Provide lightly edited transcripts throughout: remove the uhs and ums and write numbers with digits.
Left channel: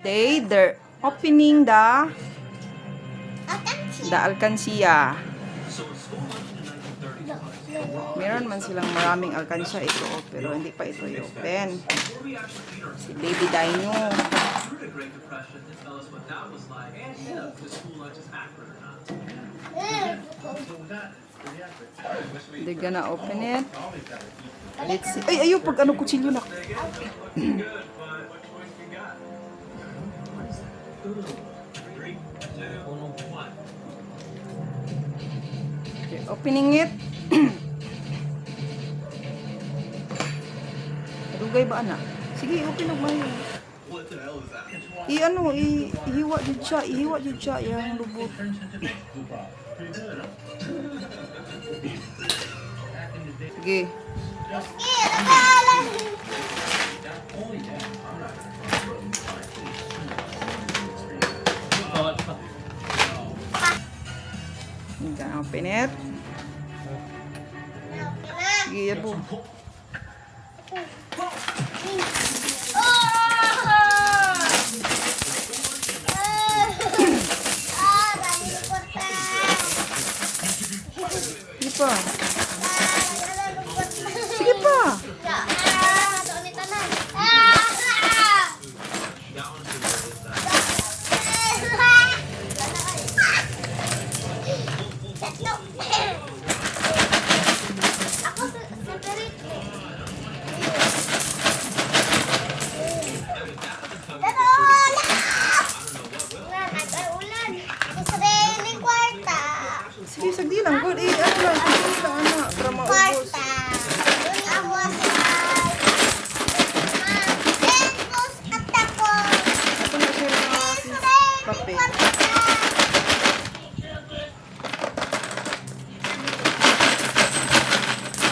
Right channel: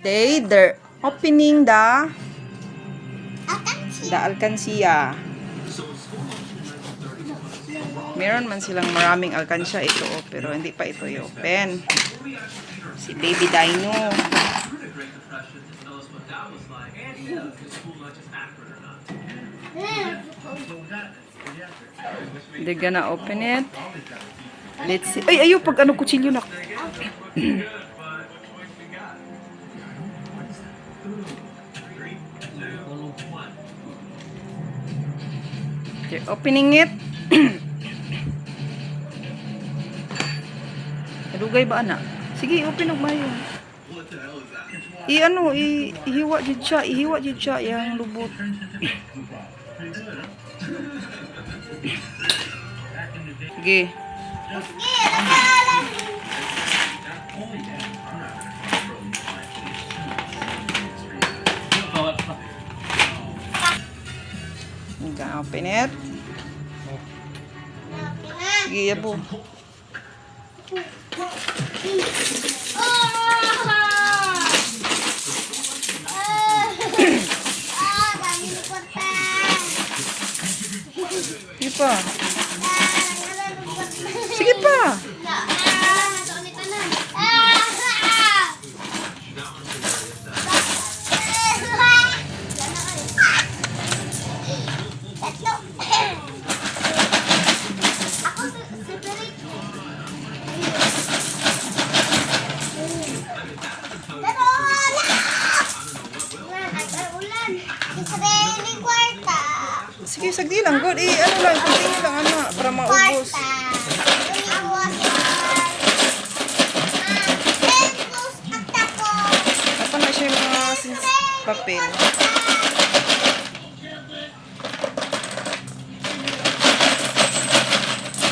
They're opening the alkansya. Meron man silang maraming alkansya ito, pero hindi pa ito i-open. Si Baby Dino. They're gonna open it. Let's see. Ay, ayo, pag ano, kutsilyo na. Okay, opening it. Kadugay ba, anak? Sige, open og mayo. Ihiwa jud siya yang lubot. Sige. You can open it. Sige, yabo. Sige pa. Sige pa. Sige, sagdi lang. Good. Ano lang, continue lang, anak. Para maubos. Apa na siya yung mga papel.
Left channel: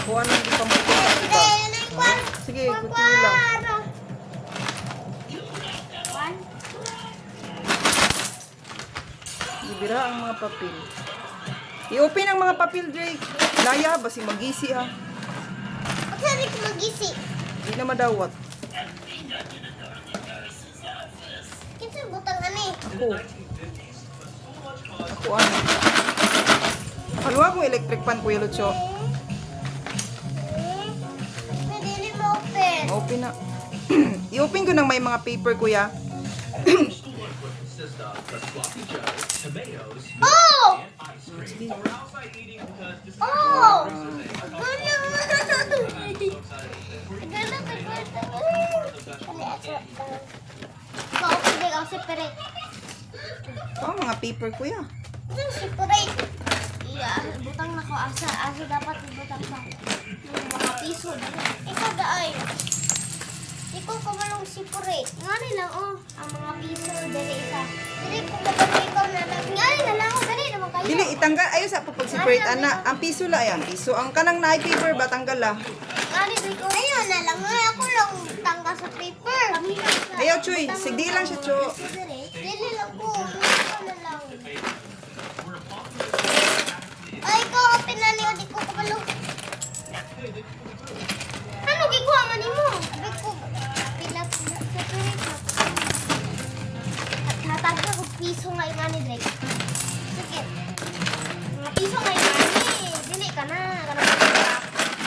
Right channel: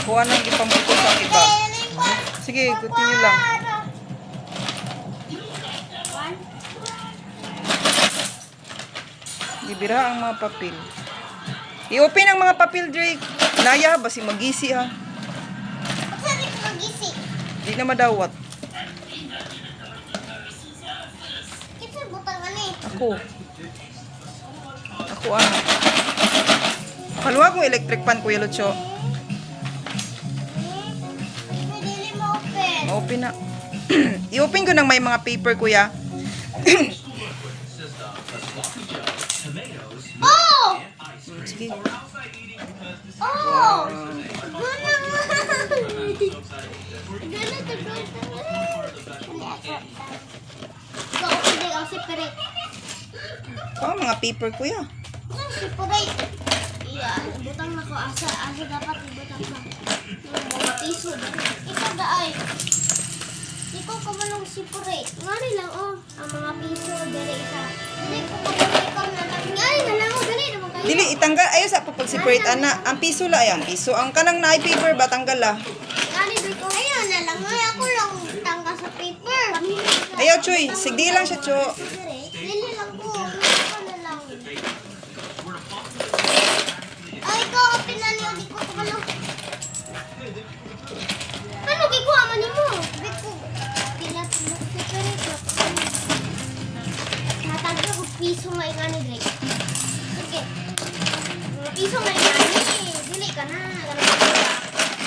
Kuha nang ipambuto sa iba. Sige, continue lang. Ibira ang mga papel. I-open ang mga papel, Drake. Naya, basi magisi ha. Hindi ko magisi. Di na madawat. Kita butang ano eh. Ako ano. Haluha kong electric pan, Kuya Lucho. Pwede ma-open. Ma-open na. I-open ko ng may mga paper, Kuya. Oh! Sige. Oh! Oh, mga paper, Kuya. Butang na ko asa dapat ibutang ba. Mga piso. Ikaw daay. Ikaw kamalong separate. Ngani lang ang mga piso dali isa. Dili ko ikaw na lang. Ngani na lang dali naman kayo. Dili, itanggal. Ayaw sa pag-separate, ana. Ang piso la, ayan. Piso. Ang kanang na paper ba, tanggal la. Ngani dili ko. Ayun na lang. Ako lang tanggal sa paper. Ayaw, Choy. Sigdi lang siya, Cho. Dili lang ko. Ikaw na lang. Ay, ikaw open na niyo. Di ko kamalong. Ano gikuha man nimo? Sabi ko. Pilat separate ko. Natagda ko piso nga ingani Drake. Sige. Mga piso nga ingani. Dili ka na.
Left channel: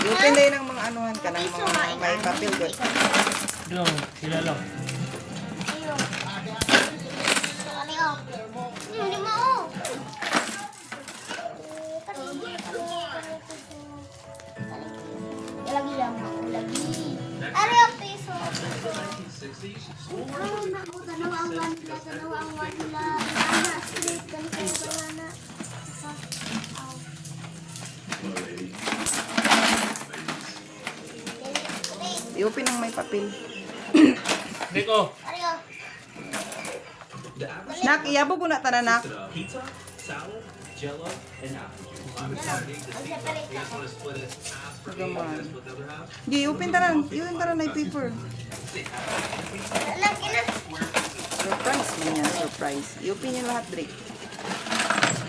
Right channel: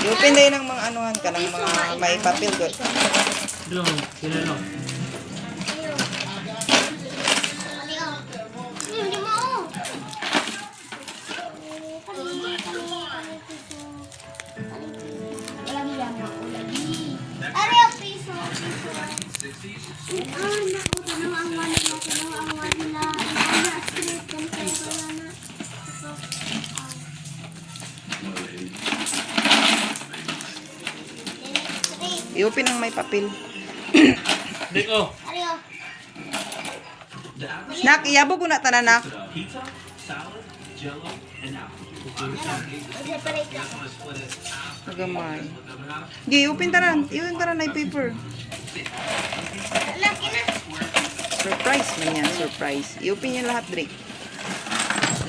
I-open din ng mga anuhan ka, ng mga may papel, good. Sila lang. Ayun. Kali oh. Hindi mo oh. Lagi lang ako. Lagi. Ari ang piso. Ay, naku. Tanaw ang wanila. Tanaw ang wanila. Ana, straight. Ganito yung kaya na. I-open ng may papel. Nico! Ari oh. Nak, iyabo ko na tanan, nak. Pizza, salad, jello, and apple. Separate ka. Nagamay. Di, i-open tanan. I-open tanan na yung paper. Laki na. Surprise man yan, surprise. I-open yan lahat, Drake.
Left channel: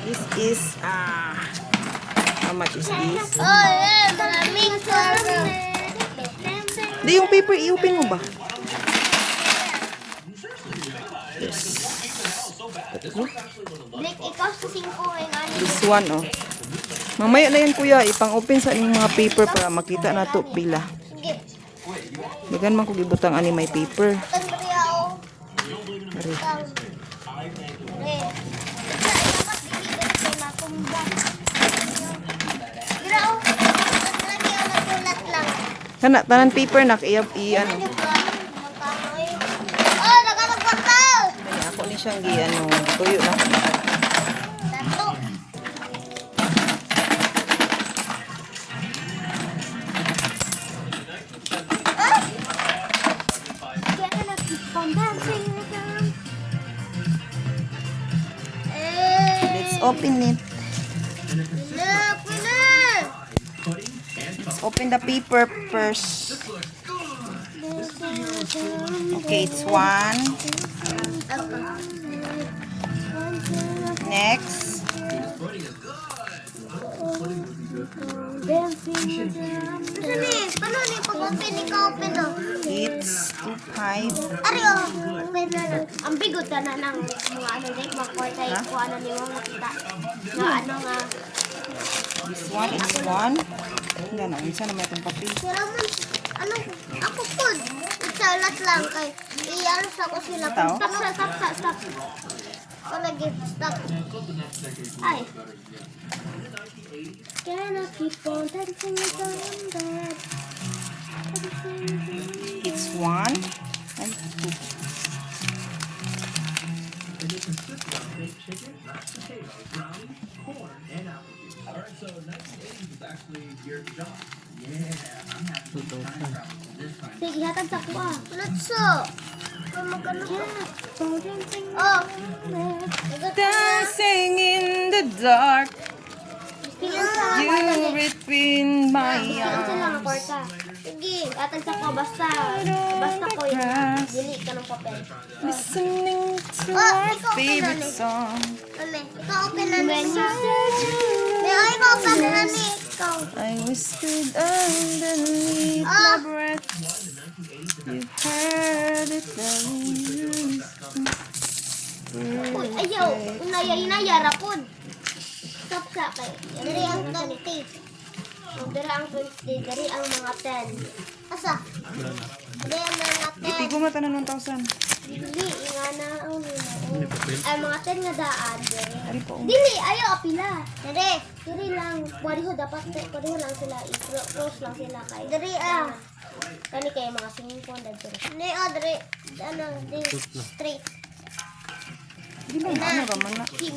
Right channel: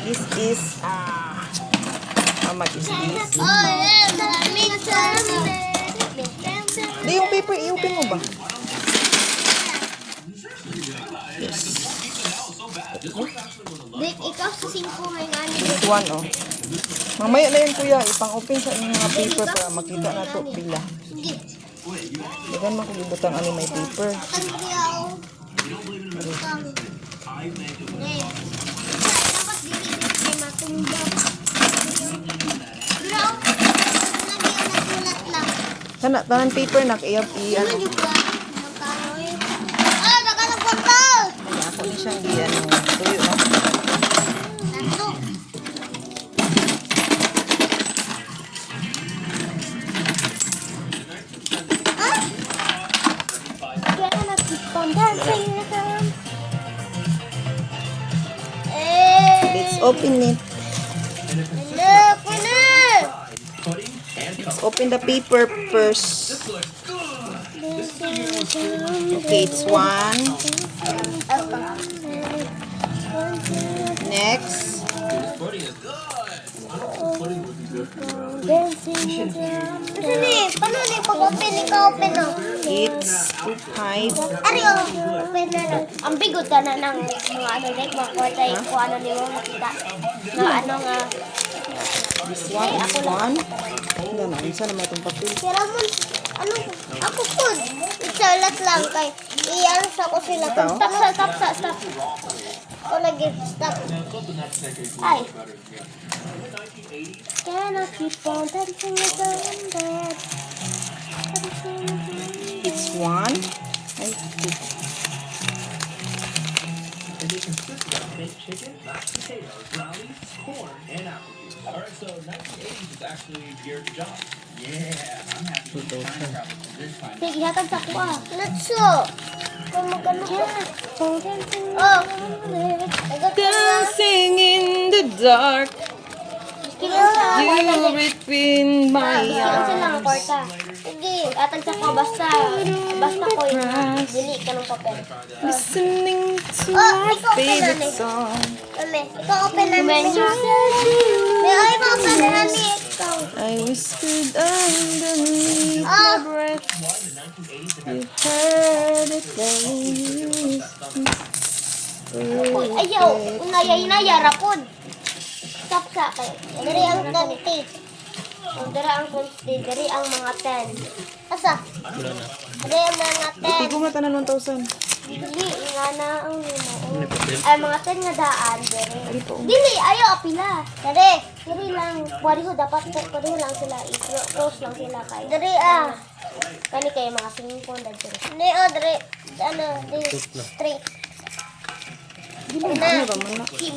This is, how much is this? Oh, yeah. Maraming sarap. Di, yung paper, i-open mo ba? Dick, ikaw sa 5 may nani. This one, oh. Mamaya na yan, kuya. Ipang-open sa inyong mga paper para makita na to pila. Sige. Dagan man kung ibutang ani may paper. Tanggari ako. Tang. Eh. Dapat dili kay matumbang. Pero lagi na kulat lang. Kana, tanan paper na. Ano? Ano yung ba? Magkano eh? Ah, nakalagpagkal! Kaya ako ni siyang tuyo na. Tatlo. Ah! Kaya nag-keep on dancing na ka. Let's open it. Look, winner! Let's open the paper first. Okay, it's one. Next. Paano ni pag-open? Ikaw-open no? It's five. Ari, open na lang. Ang bigot ka na ng mga ano like mga kwarta kung ano niyo makita. Nga ano nga. This one is one. Ganun, isa naman itong papel. Pero man, ano, ako food. Isalat lang kay iyan sa ko sila. Stop. Ko lagi, stop. Ay. Can I keep on dancing with the bed? It's one. And two. And they consist of baked chicken, mashed potatoes, brownies, corn, and apple juice. Alright, so 1980s is actually year of the job. Yeah, I'm happy with the time travel this time. Sige, hatag sa kuha. Let's go. Magkano ko? Oh. Dancing in the dark. You between my Sige, unsa lang ang kwarta. Sige, atag sa kuha basta ko dili ka ng papel. Listening to Oh, my ikaw favorite open na song. Ikaw open na ni. May ay mo open na ni. I whispered underneath my breath. You heard it when you whispered. Ayaw, unaya rapon. Stop sa kay. Dari ang 20. Dari ang 20, dari ang mga 10. Asa? Dari ang mga 10. Itigong na tanan 1,000. Dili nga na ang ay mga 10 nga daan dari. Dili ayo apila. Dari lang wari ho dapat pwede lang sila i-close lang sila kay. Dari kani kay mga 5 na dari. Ni dari ano di straight. Na,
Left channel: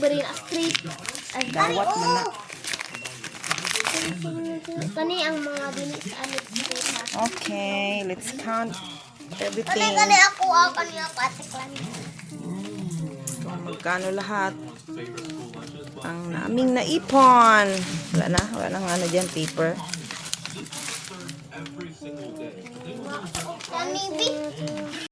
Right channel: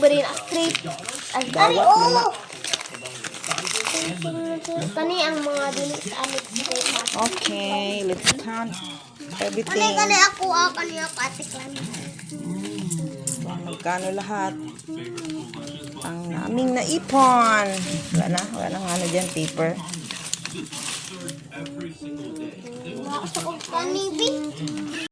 beri na straight. Ay dari kani ang mga dili sa anit straight ha. Okay, let's count everything. Kani ako kanina patik lang. Kung magkano lahat ang naming naipon. Wala na nga na dyan, paper.